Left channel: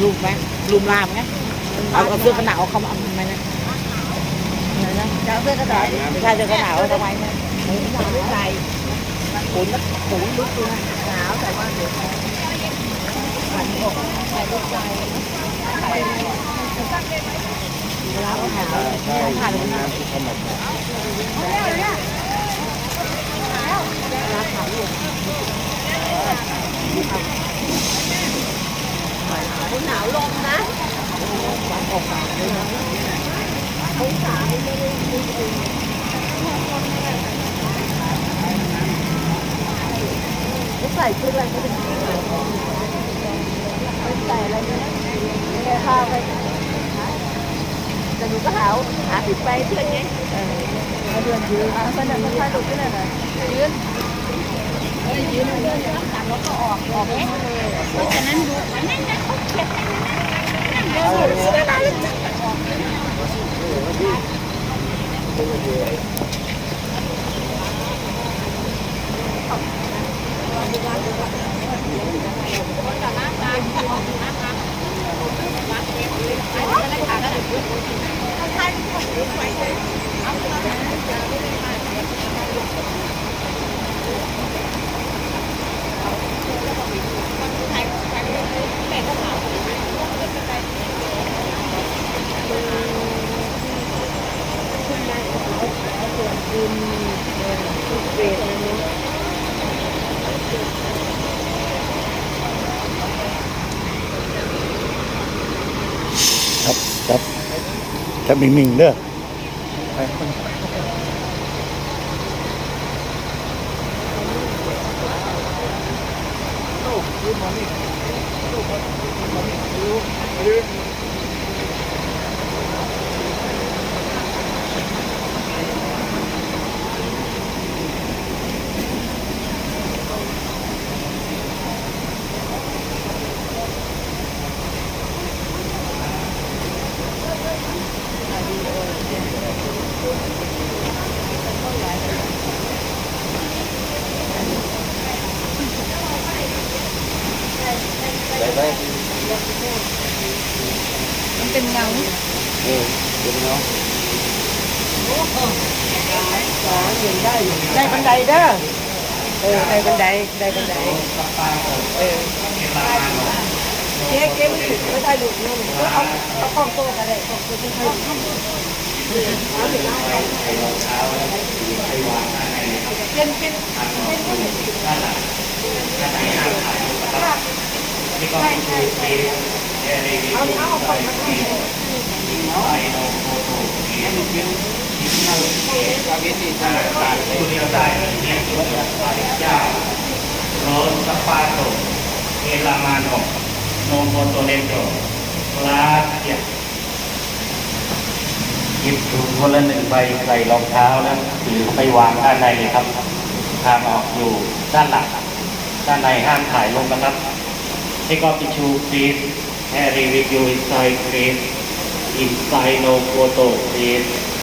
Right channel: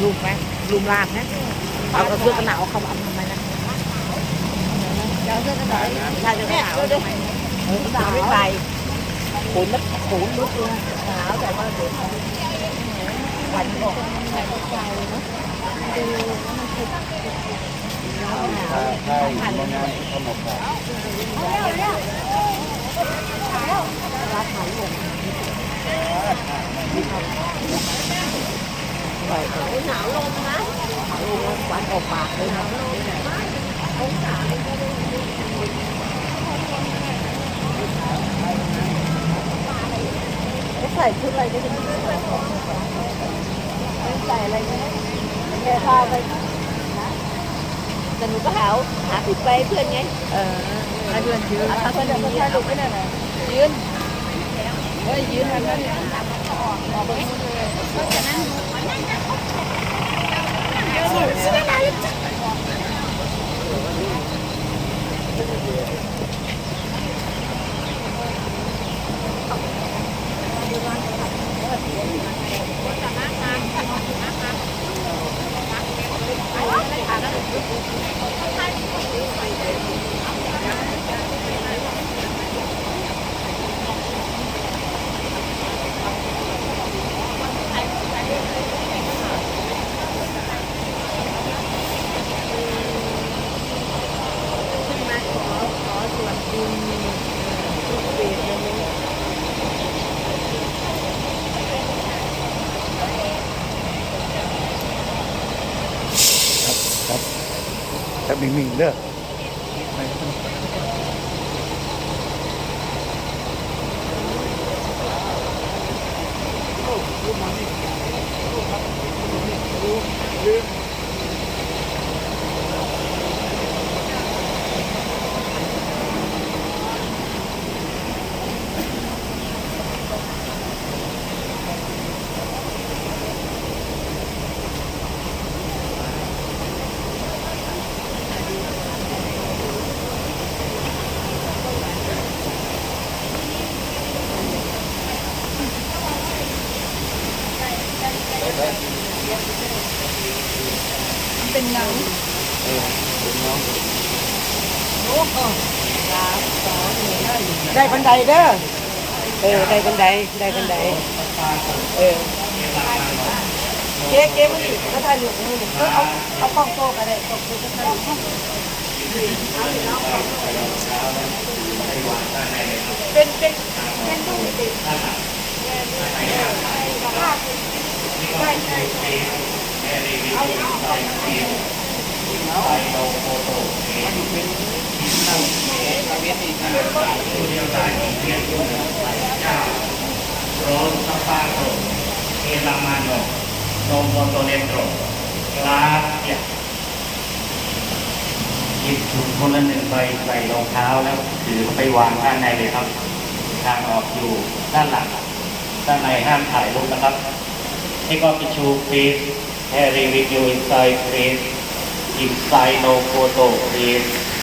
ลุมไหมลุมลามไหมเอากระเสื้อกระหนาวคำคำทำไมนะ ะ nó cái thảo, ra cho cái thảo không anh? Ừ, chúng ta biết bài. Cuốn đất, cuốn đất cuốn. Bánh ngọt, hai đốt rồi. Nó không hảo, phải thành như vậy. Hãy subscribe cho kênh Ghiền Mì Gõ Để không bỏ lỡ những video hấp dẫn ไม่ได้ใส่ชุดอะไรไม่ได้ใส่อะไรเลยผ้าไปแต่หนูก็หาหาติดไปเพื่อนไง เออมาเดือนยืนเอาคนนี้เอาคนนั้นยืนเอ้ยยืนเลย ส่วนบุญเออทุกเวทนะเนาะครับครับจะมีมิงเด้อ Hello, your money. Hello, your money. Hello, hello. มอนี่ยูยูเป็นยังโอ้โหสามสองหนึ่งได้อยู่ได้บันไดเด้อเออได้บันไดได้บันไดเออเก๊เก๊มันถึงก็ถ่ายรูปนี่หนึ่งก็เอาเอากล้องโต้กันเลยเป็นเป็นเป็นรูปติดเอาเอาเอา Rosapato, en la mano, non voto dentro. Gracias. หยิบถุงคนละหนึ่งใบใส่รองเท้าแล้วถือไปวางด้านในเลยครับ ทางออกอยู่ด้านหลังด้านในห้ามถ่ายรูปนะครับ Take off the shoe please Carry with you inside please. Inside no photo please